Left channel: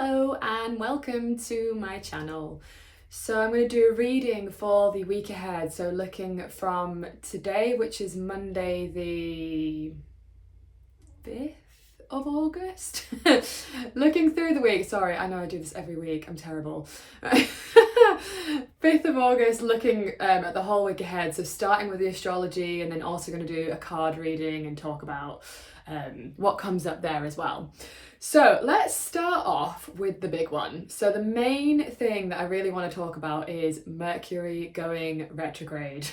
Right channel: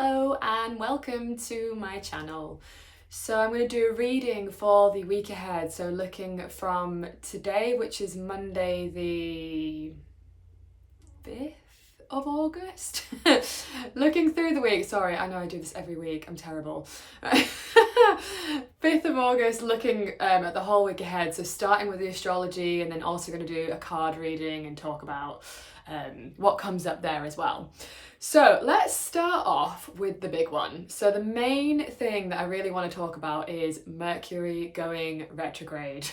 Hello and welcome to my channel. So I'm going to do a reading for the week ahead, so looking from today, which is Monday the 5th of August. Looking through the week, sorry, I know I do this every week, I'm terrible. 5th of August, looking at the whole week ahead, so starting with the astrology and then also going to do a card reading and talk about what comes up there as well. So let's start off with the big one. So the main thing that I really want to talk about is Mercury going retrograde.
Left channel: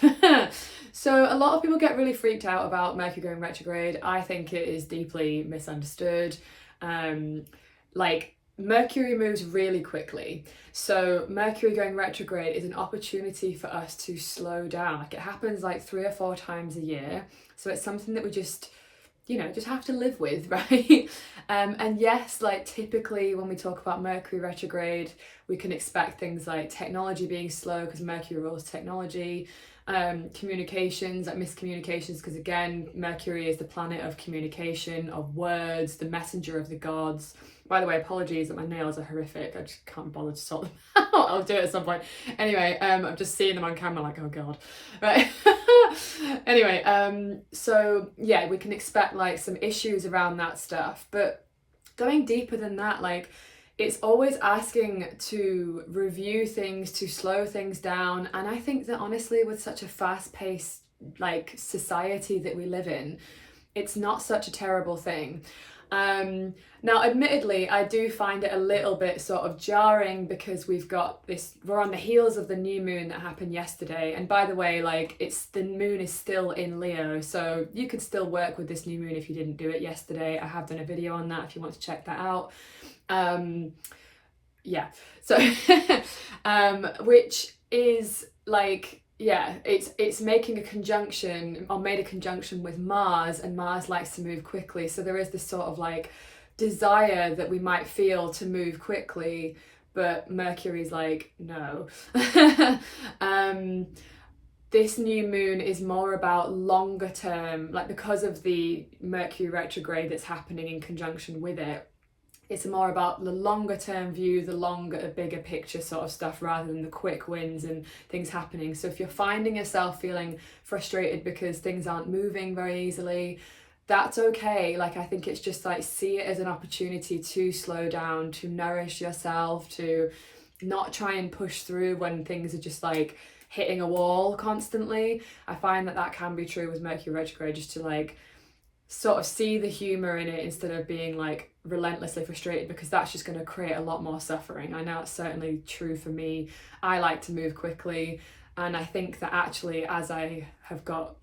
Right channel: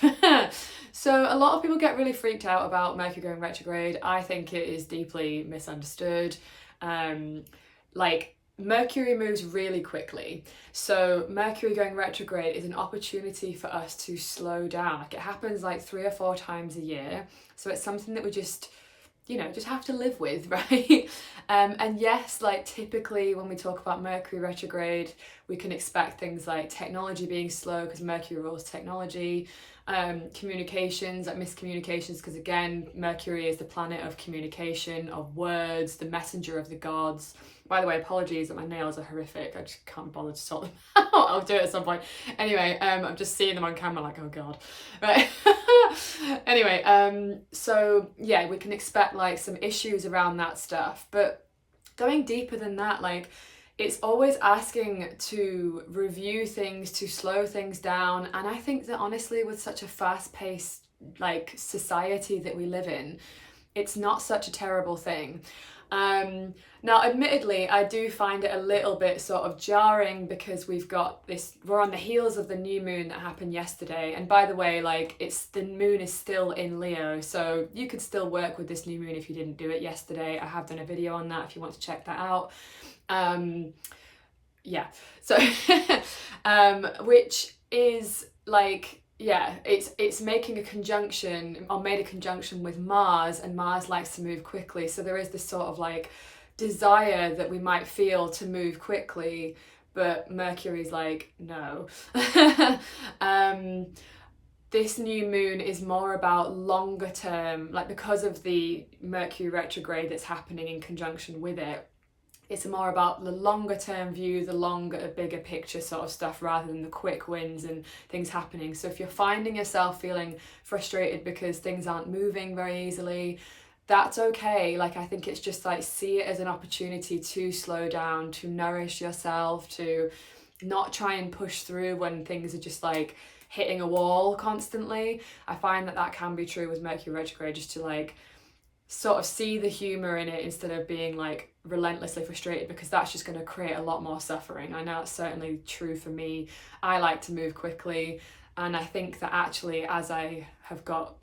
So a lot of people get really freaked out about Mercury going retrograde. I think it is deeply misunderstood. Mercury moves really quickly. So Mercury going retrograde is an opportunity for us to slow down. Like, it happens like 3 or 4 times a year. So it's something that we just have to live with, right? And yes, like typically when we talk about Mercury retrograde, we can expect things like technology being slow because Mercury rules technology, communications, like miscommunications, because again, Mercury is the planet of communication, of words, the messenger of the gods. By the way, apologies that my nails are horrific. I just can't bother to sort them out. I'll do it at some point. Anyway, I'm just seeing them on camera like, oh God. Right. Anyway, so yeah, we can expect like some issues around that stuff. But going deeper than that, like, it's always asking to review things, to slow things down. And I think that honestly, with such a fast-paced like society that we live in, it's not such a terrible thing. Now, admittedly, I do find it a little bit sort of jarring because we're on the heels of the new moon that happened yesterday. And by the way, like, the moon is still in Leo, so you could still work with this new moon if you didn't do it yesterday. I have done a video on that if you want to check that out. Yeah, so, which is like, yeah, it's making a conjunction, or made a conjunction with Mars, and Mars likes to move quickly. So there is this sort of like desire that we might feel to move quickly, but Mercury's like, no. This new moon is more about longer term, like because of the Mercury retrograde that's happening in conjunction with it. It's more about the longer term view, the bigger picture sort of stuff, rather than the quick wins and things happening. So if you're finding yourself feeling frustrated because things aren't moving very easily, that's okay. Like, I think it's just like, see it as an opportunity to slow down, to nourish yourself, to not try and push through when things are just like hitting a wall constantly. I find that can be true with Mercury retrograde, just to like sort of see the humor in it instead of being like relentlessly frustrated, because that's just going to create a lot more suffering. I know it's certainly true for me. I like to move quickly, and I think that actually as I have got,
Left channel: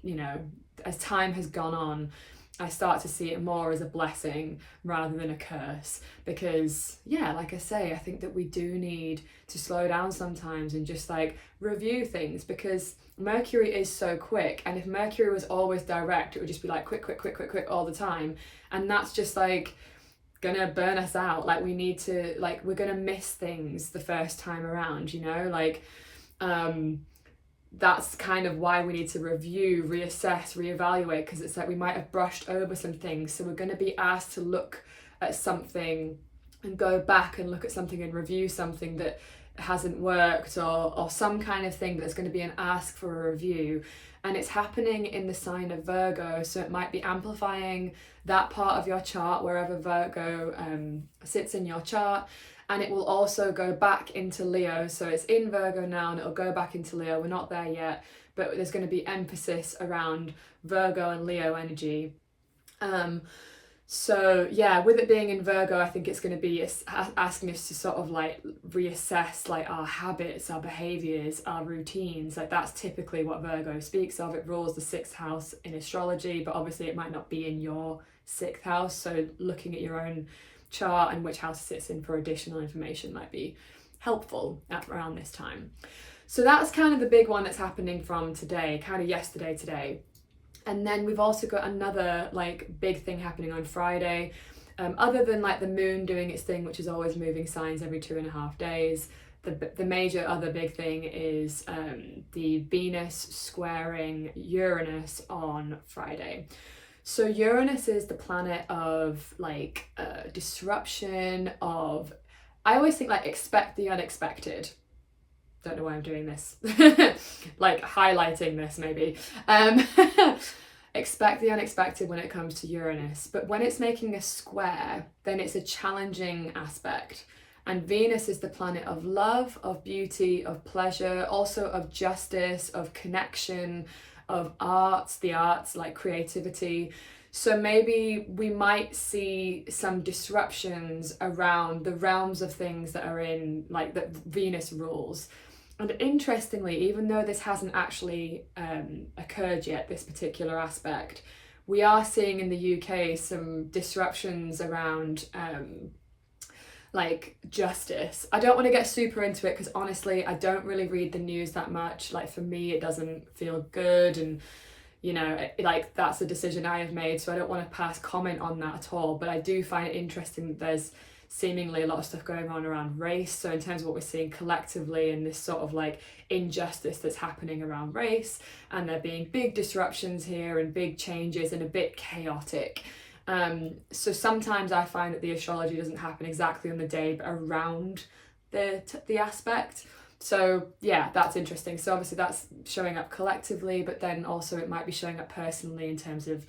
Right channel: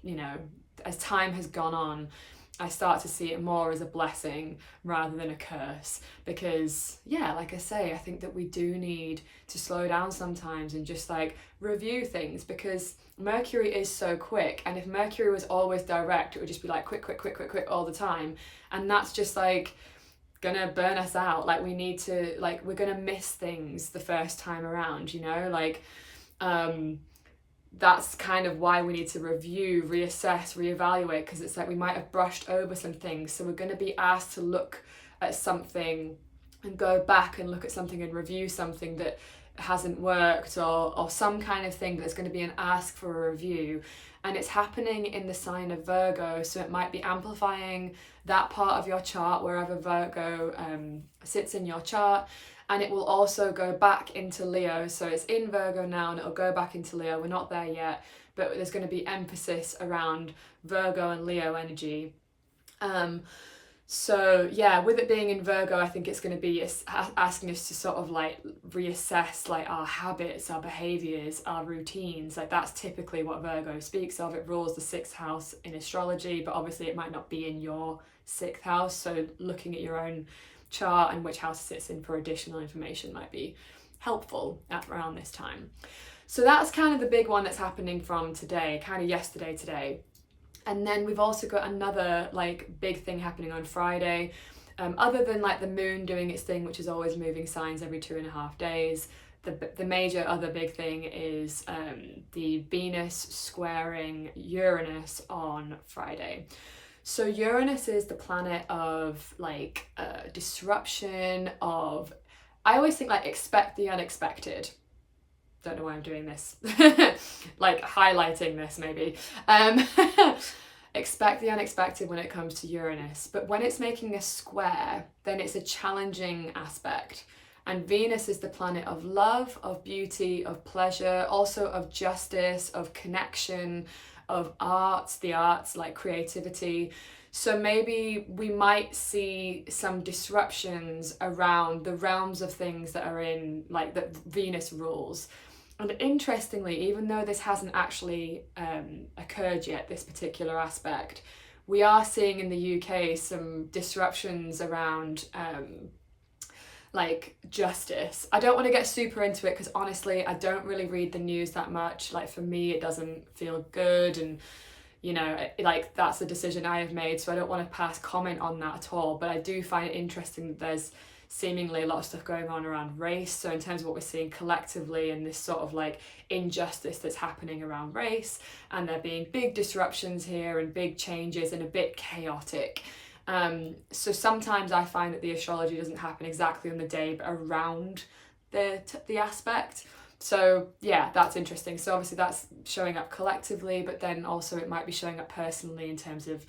as time has gone on, I start to see it more as a blessing rather than a curse, because yeah, like I say, I think that we do need to slow down sometimes and just like review things, because Mercury is so quick, and if Mercury was always direct, it would just be like quick all the time, and that's just like gonna burn us out. Like, we need to, like, we're gonna miss things the first time around, that's kind of why we need to review, reassess, reevaluate, because it's like we might have brushed over some things, so we're going to be asked to look at something and go back and look at something and review something that hasn't worked, or some kind of thing that's going to be an ask for a review. And it's happening in the sign of Virgo, so it might be amplifying that part of your chart wherever Virgo sits in your chart. And it will also go back into Leo. So it's in Virgo now and it'll go back into Leo. We're not there yet, but there's going to be emphasis around Virgo and Leo energy. So yeah, with it being in Virgo, I think it's going to be asking us to sort of like reassess like our habits, our behaviors, our routines. Like, that's typically what Virgo speaks of. It rules the 6th house in astrology, but obviously it might not be in your 6th house. So looking at your own chart and which house it sits in for additional information might be helpful at around this time. So that's kind of the big one that's happening from today, kind of yesterday, today. And then we've also got another like big thing happening on Friday. Other than like the moon doing its thing, which is always moving signs every 2.5 days, the major other big thing is the Venus squaring Uranus on Friday. So Uranus is the planet of like disruption, of I always think like expect the unexpected. Don't know why I'm doing this. Like highlighting this maybe. Expect the unexpected when it comes to Uranus, but when it's making a square, then it's a challenging aspect. And Venus is the planet of love, of beauty, of pleasure, also of justice, of connection, of arts, the arts like creativity. So maybe we might see some disruptions around the realms of things that are in like that Venus rules. And interestingly, even though this hasn't actually occurred yet, this particular aspect, we are seeing in the UK some disruptions around like justice. I don't want to get super into it because honestly, I don't really read the news that much. Like for me, it doesn't feel good, and you know, like that's a decision I have made, so I don't want to pass comment on that at all. But I do find it interesting that there's seemingly a lot of stuff going on around race. So in terms of what we're seeing collectively and this sort of like injustice that's happening around race, and there being big disruptions here and big changes and a bit chaotic. So sometimes I find that the astrology doesn't happen exactly on the day, but around the aspect. So yeah, that's interesting. So obviously that's showing up collectively, but then also it might be showing up personally in terms of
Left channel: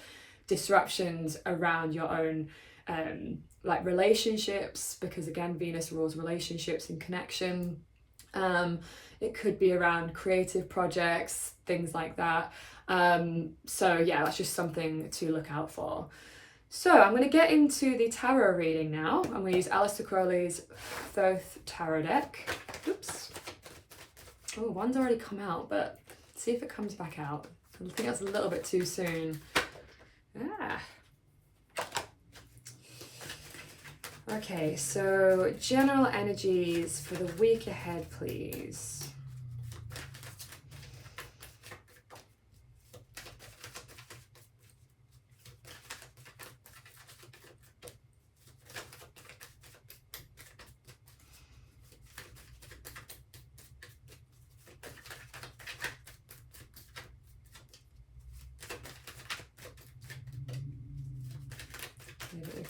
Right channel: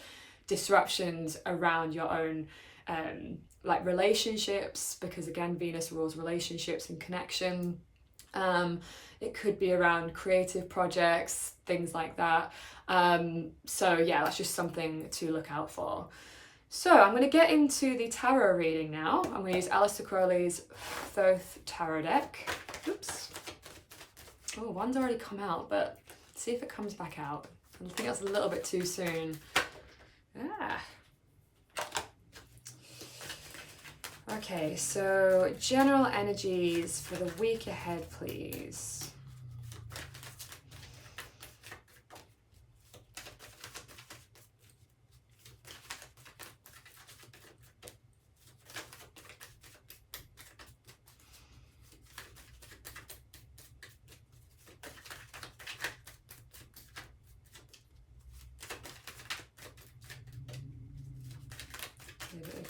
disruptions around your own like relationships, because again, Venus rules relationships and connection. It could be around creative projects, things like that. So yeah, that's just something to look out for. So I'm going to get into the tarot reading now. I'm going to use Aleister Crowley's Thoth Tarot Deck. Oops. Oh, one's already come out, but see if it comes back out. I think that's a little bit too soon. Ah. Okay, so general energies for the week ahead, please.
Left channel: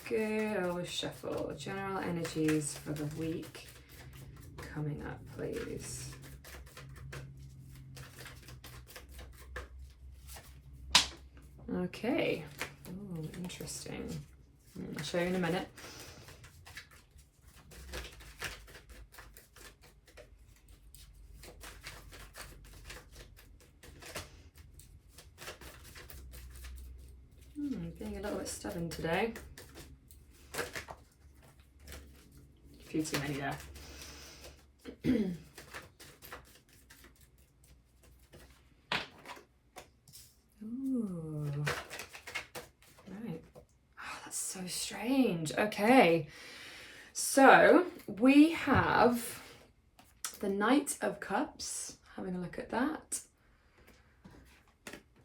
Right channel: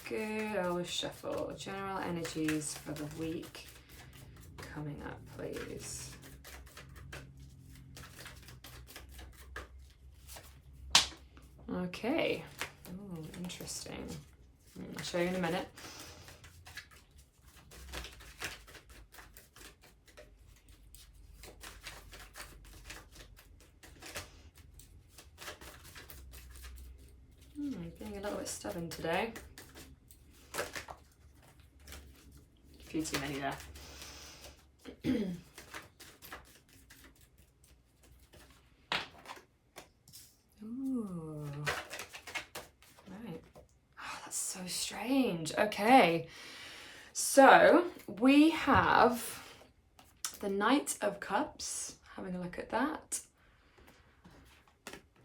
Good old shuffle. General energies for the week coming up, please. Okay. Oh, interesting. I'll show you in a minute. Being a little bit stubborn today. A few too many there. Ooh. Right. Oh, that's so strange. Okay. So we have the Knight of Cups. Having a look at that.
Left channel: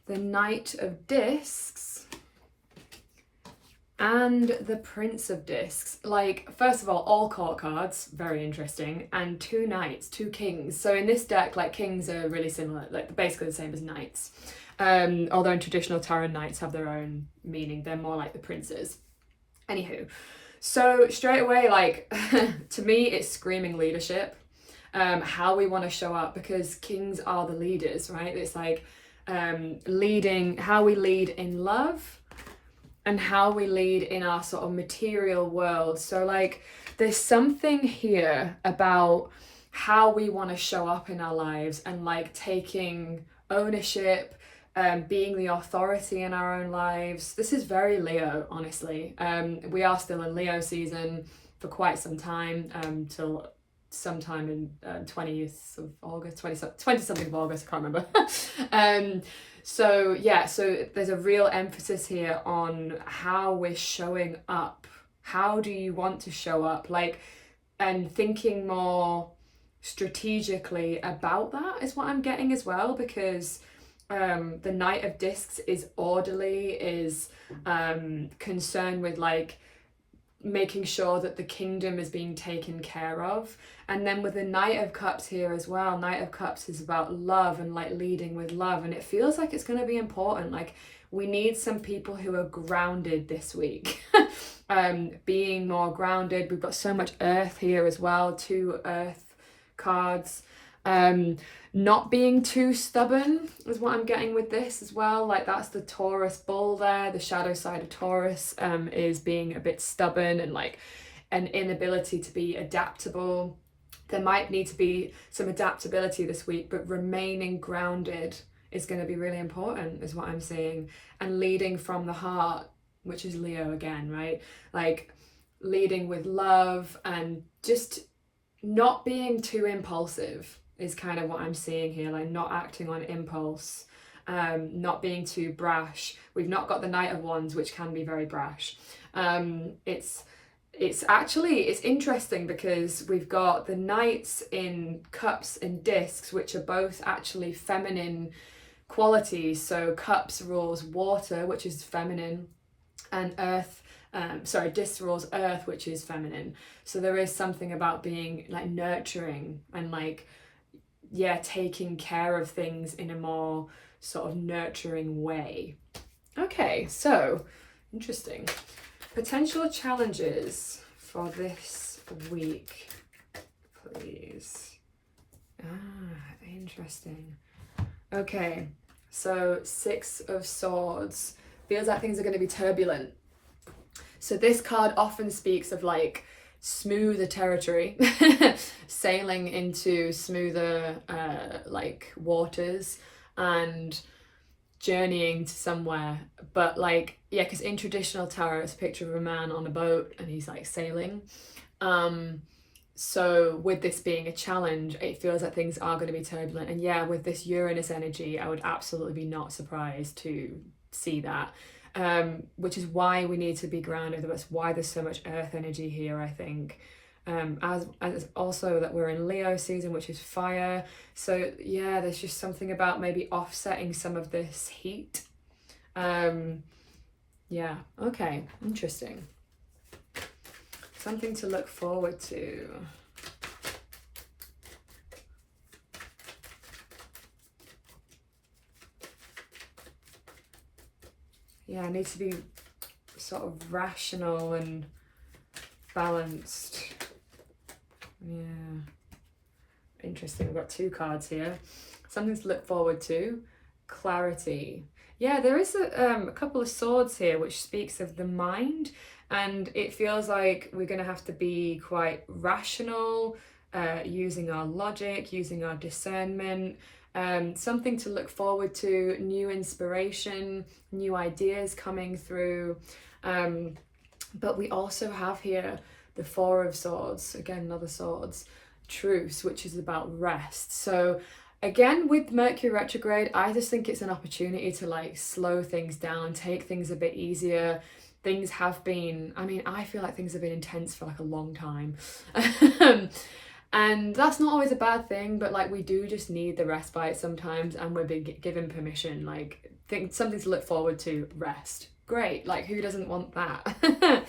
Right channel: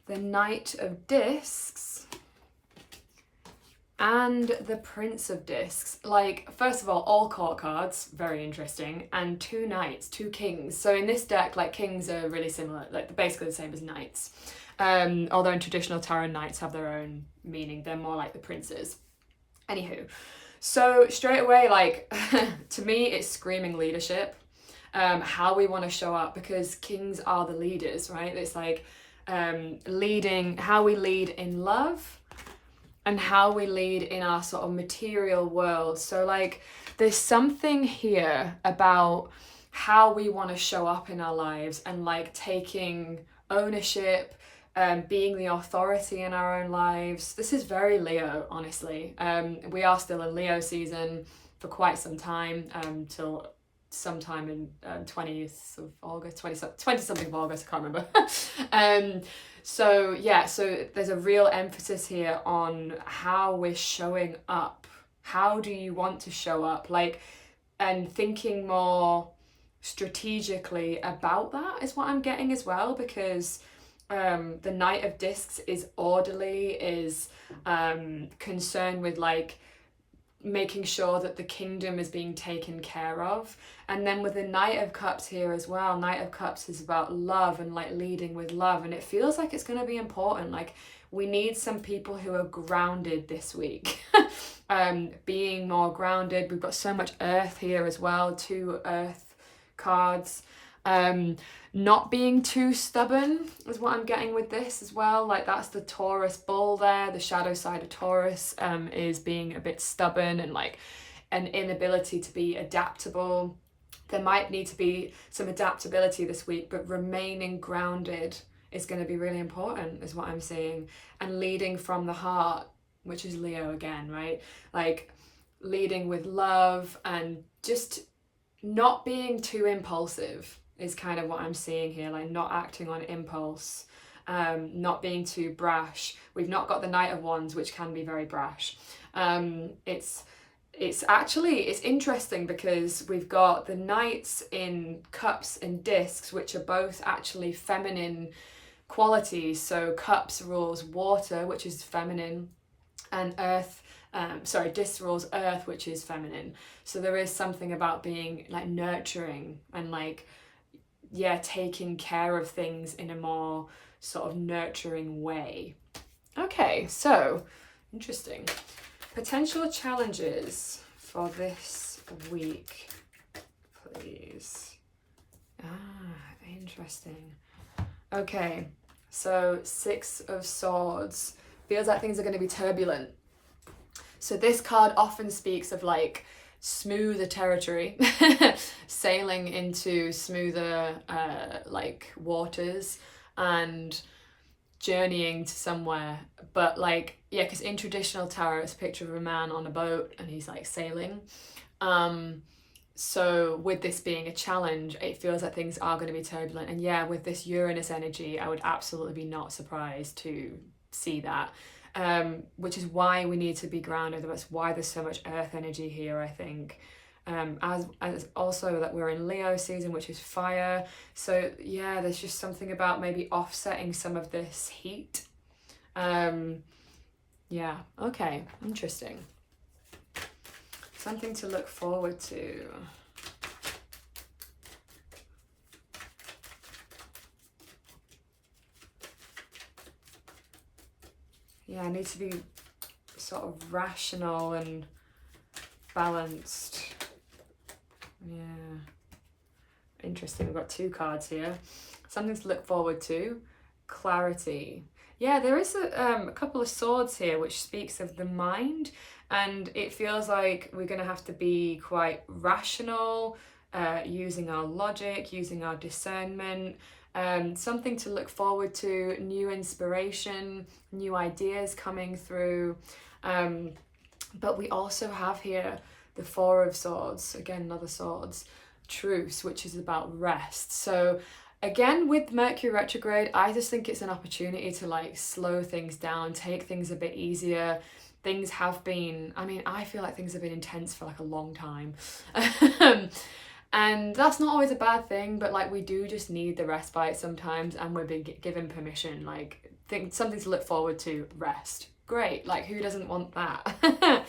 The Knight of Discs. And the Prince of Discs. Like, first of all court cards, very interesting, and two knights, two kings. So in this deck, like, kings are really similar, like basically the same as knights. Although in traditional tarot, knights have their own meaning. They're more like the princes. Anywho, so straight away, like, to me, it's screaming leadership. How we want to show up, because kings are the leaders, right? It's like leading, how we lead in love, and how we lead in our sort of material world. So like there's something here about how we want to show up in our lives and like taking ownership, being the authority in our own lives. This is very Leo, honestly. We are still in Leo season for quite some time, till sometime in 20th of August, 20 something of August, I can't remember. So yeah, so there's a real emphasis here on how we're showing up. How do you want to show up? Like, and thinking more strategically about that is what I'm getting as well, because the Knight of Discs is orderly, is concerned with like making sure that the kingdom is being taken care of. And then with the Knight of Cups here as well, Knight of Cups is about love and like leading with love, and it feels like it's going to be important. Like we need some people who are grounded this week. being more grounded. We've got so much earth here as well, 2 earth cards. Not being too stubborn is what I'm getting with this as well. Like that's the Taurus bull there. The shadow side of Taurus is being a bit stubborn and like an inability to be adaptable. There might need to be some adaptability this week, but remaining grounded is going to be really important is what I'm seeing. And leading from the heart, which is Leo again, right? Like leading with love and just not being too impulsive is kind of what I'm seeing here, like not acting on impulse, not being too brash. We've not got the Knight of Wands, which can be very brash. It's interesting because we've got the Knights in Cups and Discs, which are both actually feminine qualities. So Cups rules water, which is feminine, and Disc rules earth, which is feminine. So there is something about being like nurturing and like, yeah, taking care of things in a more sort of nurturing way. Okay, so interesting. Potential challenges for this week, please. Interesting. Okay, so 6 of Swords. Feels like things are going to be turbulent. So this card often speaks of like smoother territory, sailing into smoother like waters and journeying to somewhere. But like, yeah, because in traditional tarot it's a picture of a man on a boat and he's like sailing. So with this being a challenge, it feels like things are going to be turbulent. And yeah, with this Uranus energy, I would absolutely be not surprised to see that. Which is why we need to be grounded. That's why there's so much earth energy here, I think. As also that we're in Leo season, which is fire. So yeah, there's just something about maybe offsetting some of this heat. Yeah, okay, interesting. Something to look forward to. Yeah, I need to be sort of rational and balanced. Yeah. Interesting. We've got 2 cards here. Something to look forward to. Clarity. Yeah, there is a couple of swords here, which speaks of the mind. And it feels like we're going to have to be quite rational, using our logic, using our discernment. Something to look forward to, new inspiration, new ideas coming through. But we also have here the 4 of Swords, again, another swords, truce, which is about rest. So again, with Mercury retrograde, I just think it's an opportunity to like slow things down, take things a bit easier. Things have been, I feel like things have been intense for like a long time. And that's not always a bad thing, but like we do just need the respite sometimes, and we're being given permission, like something to look forward to, rest. Great, like who doesn't want that?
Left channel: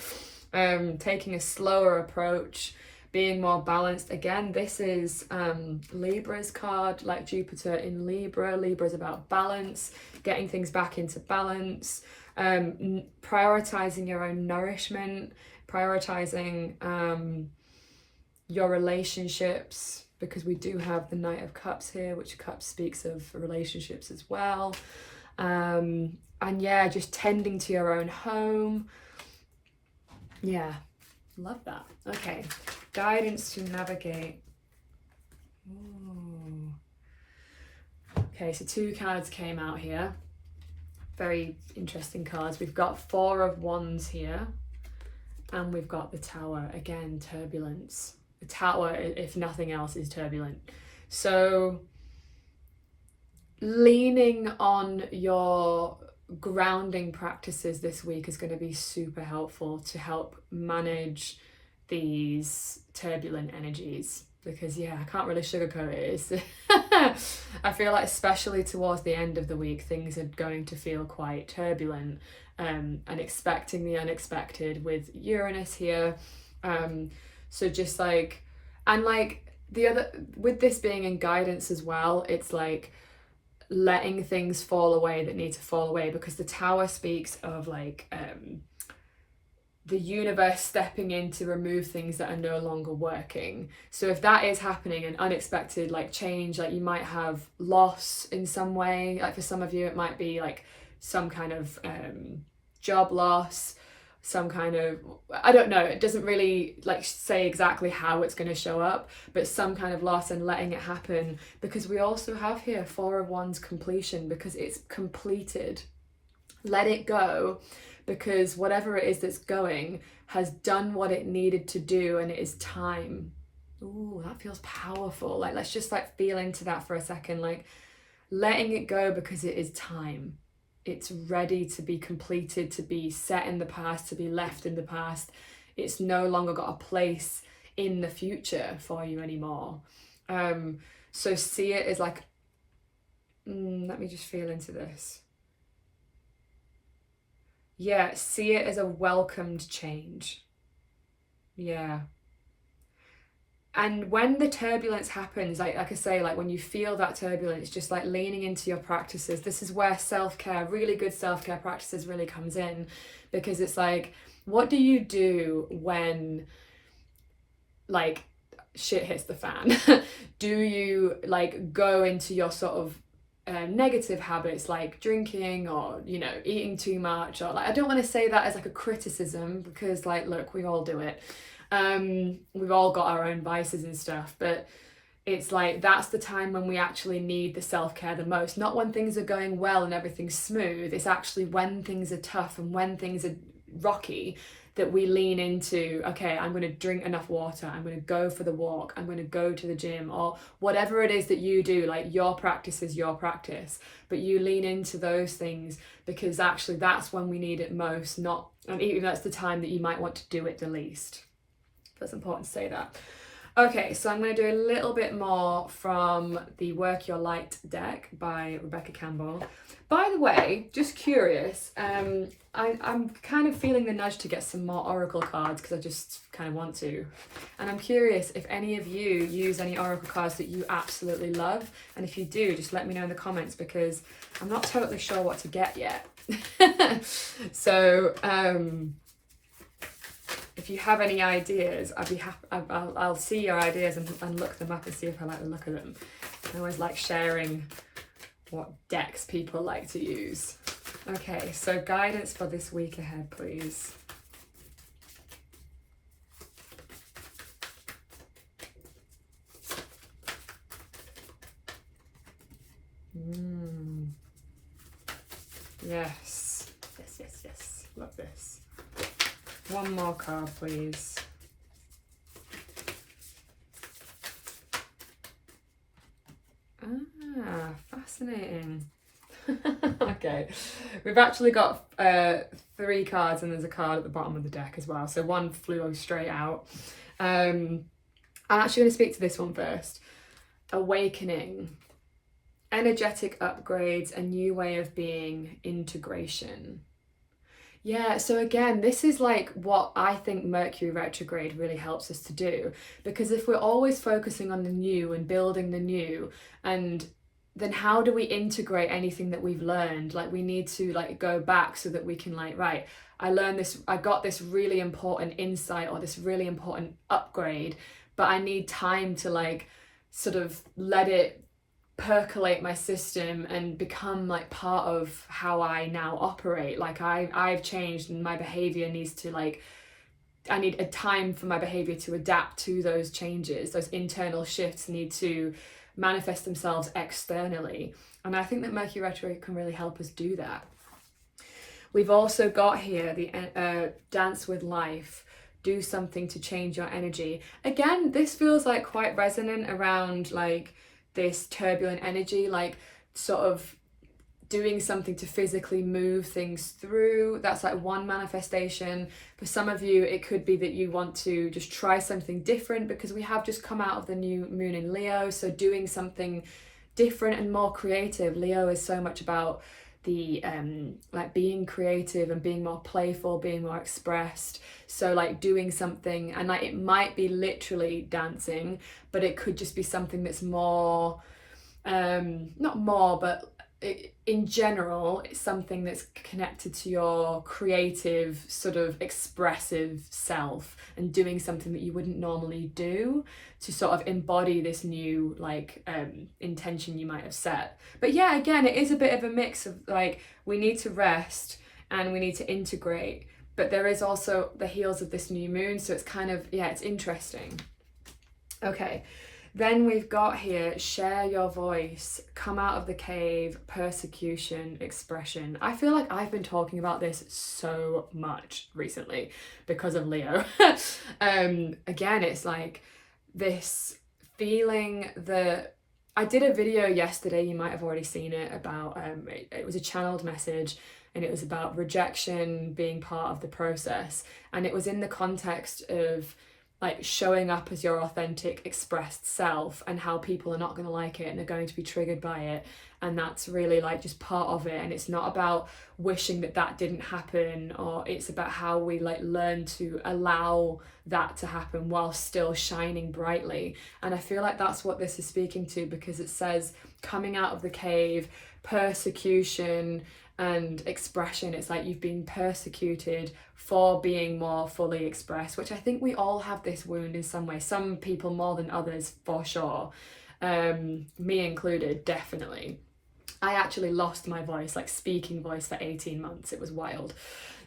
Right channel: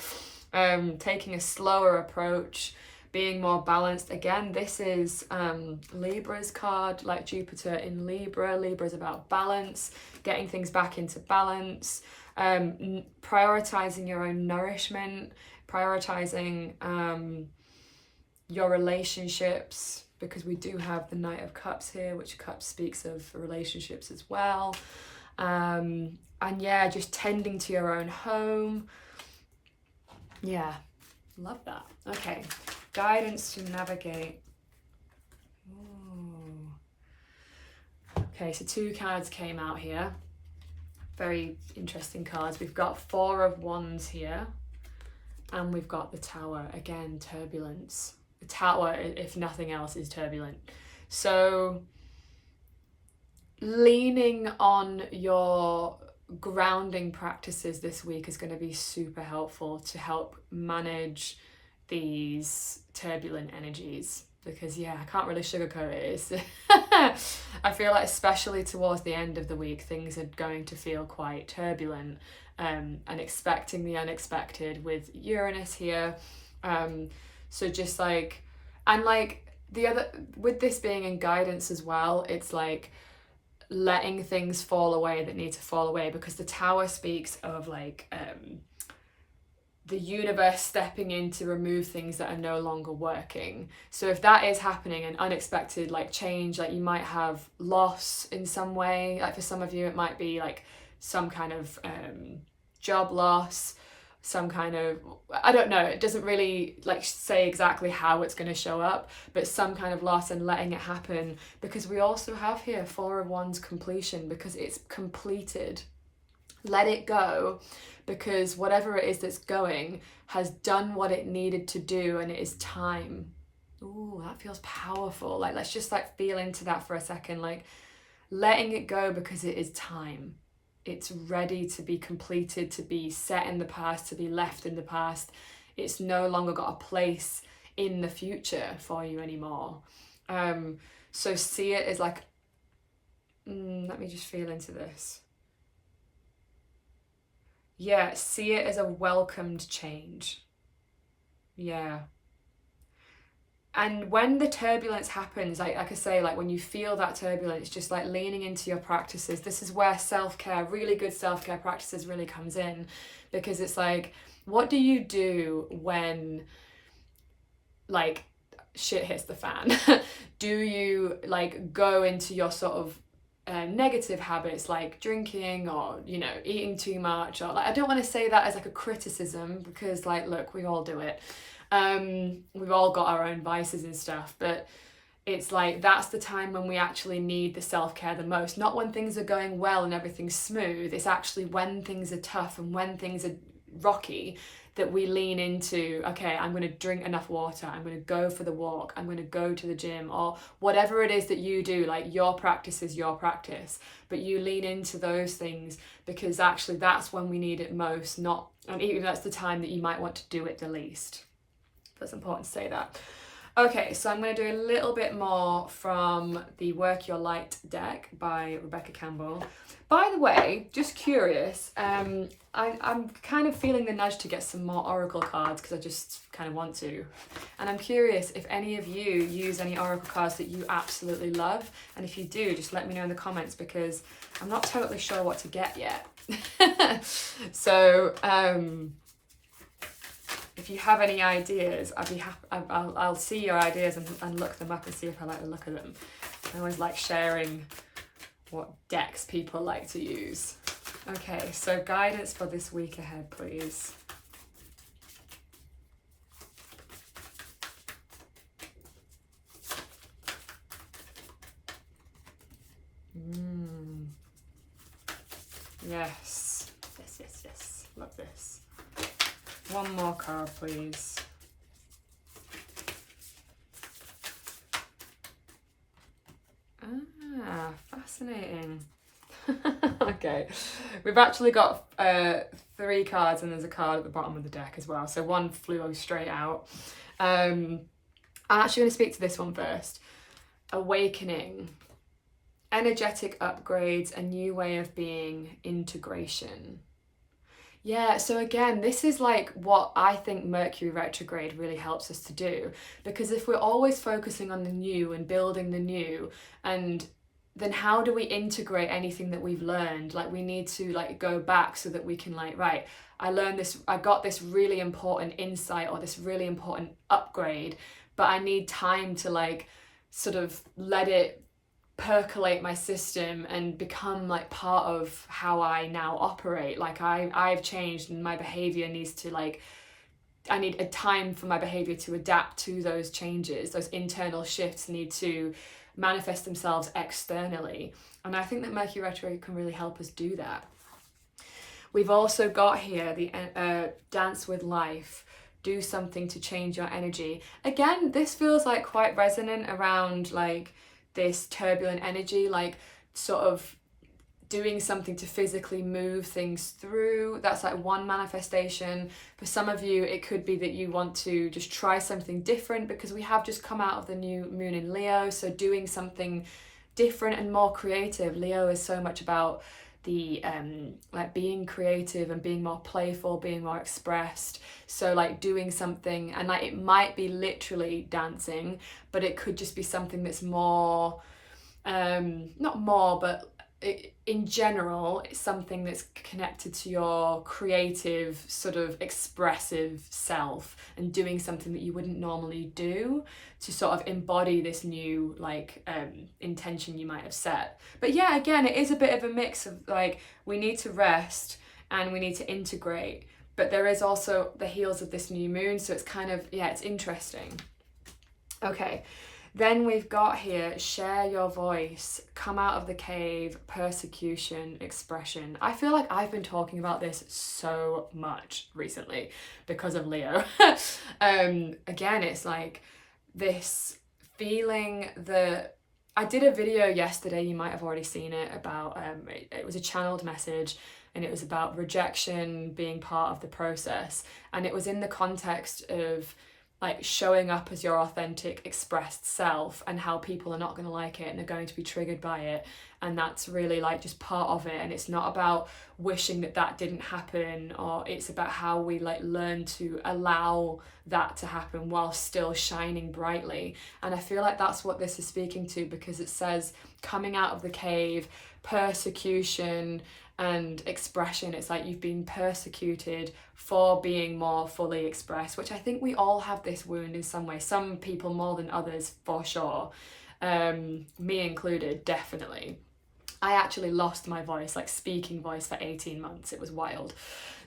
Taking a slower approach, being more balanced. Again, this is Libra's card, like Jupiter in Libra. Libra is about balance, getting things back into balance, prioritizing your own nourishment, prioritizing your relationships, because we do have the Knight of Cups here, which Cups speaks of relationships as well. And yeah, just tending to your own home. Yeah, love that. Okay, guidance to navigate. Ooh. Okay, so 2 cards came out here. Very interesting cards. We've got 4 of Wands here, and we've got the Tower. Again, turbulence. The Tower, if nothing else, is turbulent. So leaning on your grounding practices this week is going to be super helpful to help manage these turbulent energies, because yeah, I can't really sugarcoat it. I feel like especially towards the end of the week, things are going to feel quite turbulent, and expecting the unexpected with Uranus here. So just like, and like the other, with this being in guidance as well, it's like letting things fall away that need to fall away, because the Tower speaks of like the universe stepping in to remove things that are no longer working. So if that is happening, an unexpected like change, like you might have loss in some way, like for some of you it might be like some kind of job loss, some kind of, I don't know, it doesn't really like say exactly how it's going to show up, but some kind of loss, and letting it happen, because we also have here 4 of Wands completion, because it's completed. Let it go, because whatever it is that's going has done what it needed to do, and it is time. Ooh, that feels powerful. Like, let's just like feel into that for a second, like letting it go because it is time. It's ready to be completed, to be set in the past, to be left in the past. It's no longer got a place in the future for you anymore. So see it as like, let me just feel into this. Yeah, see it as a welcomed change. Yeah. And when the turbulence happens, like I say, like when you feel that turbulence, just like leaning into your practices. This is where self-care, really good self-care practices really comes in, because it's like, what do you do when like shit hits the fan? Do you like go into your sort of negative habits like drinking, or you know, eating too much, or like, I don't want to say that as like a criticism, because like, look, we all do it. We've all got our own vices and stuff, but it's like, that's the time when we actually need the self-care the most. Not when things are going well and everything's smooth. It's actually when things are tough and when things are rocky that we lean into, okay, I'm going to drink enough water, I'm going to go for the walk, I'm going to go to the gym, or whatever it is that you do. Like, your practice is your practice, but you lean into those things because actually that's when we need it most, not, and even that's the time that you might want to do it the least. That's important to say that. Okay, so I'm going to do a little bit more from the Work Your Light deck by Rebecca Campbell. By the way, just curious, I'm kind of feeling the nudge to get some more oracle cards, because I just kind of want to. And I'm curious if any of you use any oracle cards that you absolutely love. And if you do, just let me know in the comments, because I'm not totally sure what to get yet. So, if you have any ideas, I'd be happy. I'll see your ideas and look them up and see if I like the look of them. I always like sharing what decks people like to use. Okay, so guidance for this week ahead, please. Yes. Yes. Love this. One more card, please. Ah, fascinating. Okay, we've actually got 3 cards, and there's a card at the bottom of the deck as well. So one flew straight out. I'm actually going to speak to this one first. Awakening. Energetic upgrades, a new way of being, integration. Yeah, so again, this is like what I think Mercury retrograde really helps us to do, because if we're always focusing on the new and building the new, and then how do we integrate anything that we've learned? Like, we need to like go back so that we can like, right, I learned this, I got this really important insight or this really important upgrade, but I need time to like sort of let it percolate my system and become like part of how I now operate. Like I've changed, and my behavior needs to like, I need a time for my behavior to adapt to those changes. Those internal shifts need to manifest themselves externally, and I think that Mercury retrograde can really help us do that. We've also got here the dance with life. Do something to change your energy. Again, this feels like quite resonant around like this turbulent energy, like sort of doing something to physically move things through. That's like one manifestation. For some of you, it could be that you want to just try something different, because we have just come out of the new moon in Leo. So doing something different and more creative. Leo is so much about the like being creative and being more playful, being more expressed. So like doing something, and like it might be literally dancing, but it could just be something that's more not more, but in general, it's something that's connected to your creative, sort of expressive self, and doing something that you wouldn't normally do to sort of embody this new like intention you might have set. But yeah, again, it is a bit of a mix of like, we need to rest and we need to integrate, but there is also the heels of this new moon, so it's kind of, yeah, it's interesting. Okay, then we've got here, share your voice, come out of the cave, persecution, expression. I feel like I've been talking about this so much recently because of Leo. Again, it's like this feeling that I did a video yesterday, you might have already seen it, about it was a channeled message, and it was about rejection being part of the process, and it was in the context of like showing up as your authentic expressed self, and how people are not going to like it and are going to be triggered by it, and that's really like just part of it. And it's not about wishing that that didn't happen, or it's about how we like learn to allow that to happen while still shining brightly. And I feel like that's what this is speaking to, because it says coming out of the cave, persecution and expression. It's like you've been persecuted for being more fully expressed, which I think we all have this wound in some way, some people more than others for sure, me included, definitely. I actually lost my voice, like speaking voice, for 18 months. It was wild.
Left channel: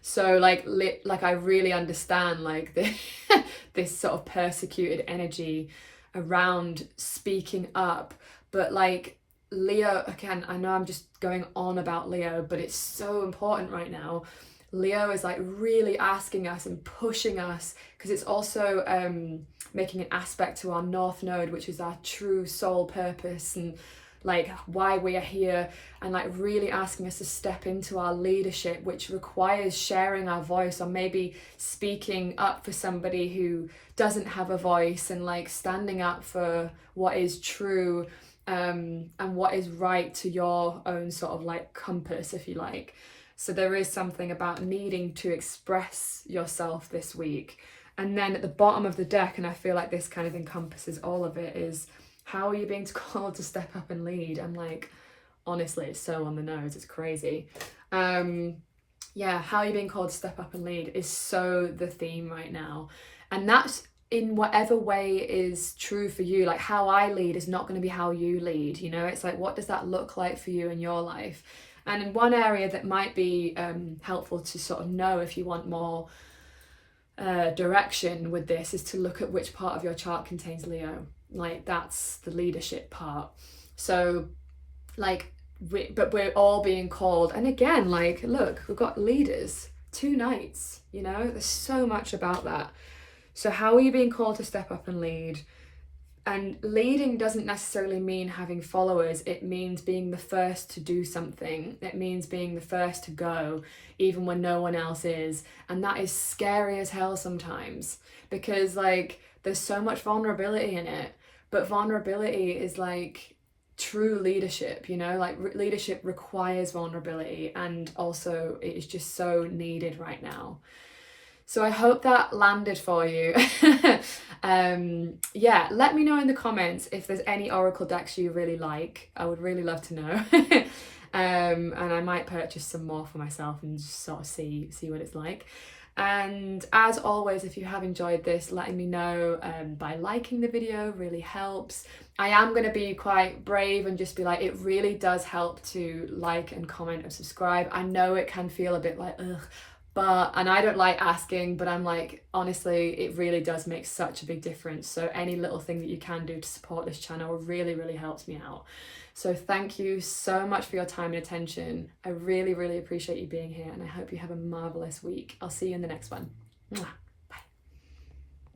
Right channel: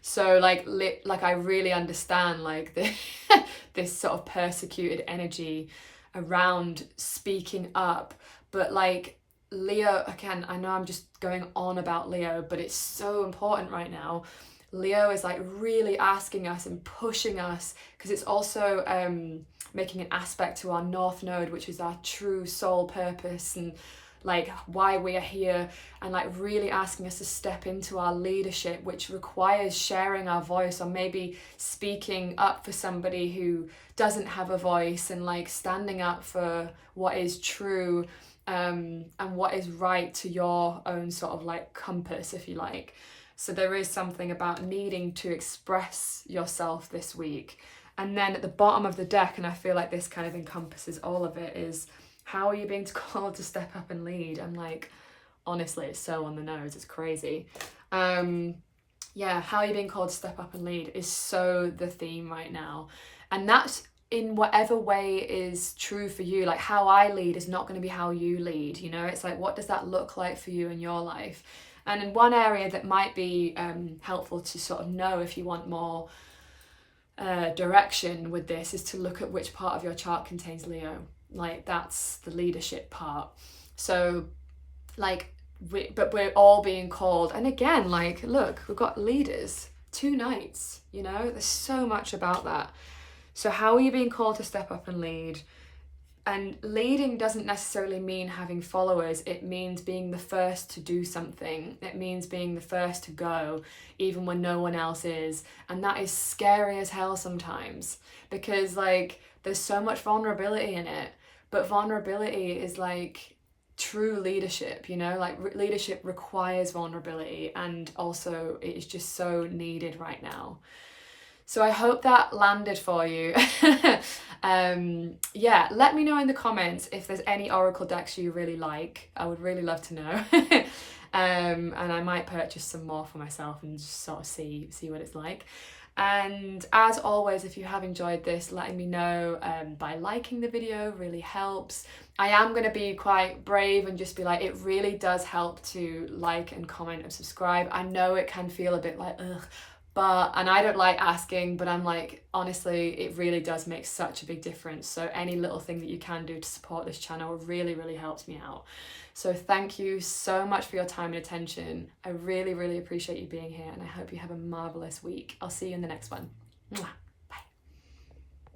So like I really understand like this sort of persecuted energy around speaking up. But like Leo, again, I know I'm just going on about Leo, but it's so important right now. Leo is like really asking us and pushing us, because it's also making an aspect to our North Node, which is our true soul purpose and like why we are here, and like really asking us to step into our leadership, which requires sharing our voice, or maybe speaking up for somebody who doesn't have a voice, and like standing up for what is true and what is right to your own sort of like compass, if you like. So there is something about needing to express yourself this week. And then at the bottom of the deck, and I feel like this kind of encompasses all of it, is how are you being called to step up and lead? I'm like, honestly, it's so on the nose, it's crazy. Yeah, how are you being called to step up and lead is so the theme right now. And that's in whatever way is true for you. Like how I lead is not going to be how you lead, you know? It's like, what does that look like for you in your life? And in one area that might be helpful to sort of know if you want more direction with this is to look at which part of your chart contains Leo. Like that's the leadership part. So like, but we're all being called. And again, like, look, we've got leaders, 2 knights, you know, there's so much about that. So how are you being called to step up and lead? And leading doesn't necessarily mean having followers. It means being the first to do something. It means being the first to go, even when no one else is. And that is scary as hell sometimes, because like there's so much vulnerability in it. But vulnerability is like true leadership, you know, like leadership requires vulnerability, and also it is just so needed right now. So I hope that landed for you. Yeah, let me know in the comments if there's any oracle decks you really like. I would really love to know. And I might purchase some more for myself and just sort of see what it's like. And as always, if you have enjoyed this, letting me know by liking the video really helps. I am going to be quite brave and just be like, it really does help to like and comment and subscribe. I know it can feel a bit like, ugh, and I don't like asking, but I'm like, honestly, it really does make such a big difference. So any little thing that you can do to support this channel really, really helps me out. So thank you so much for your time and attention. I really, really appreciate you being here, and I hope you have a marvelous week. I'll see you in the next one. Mwah.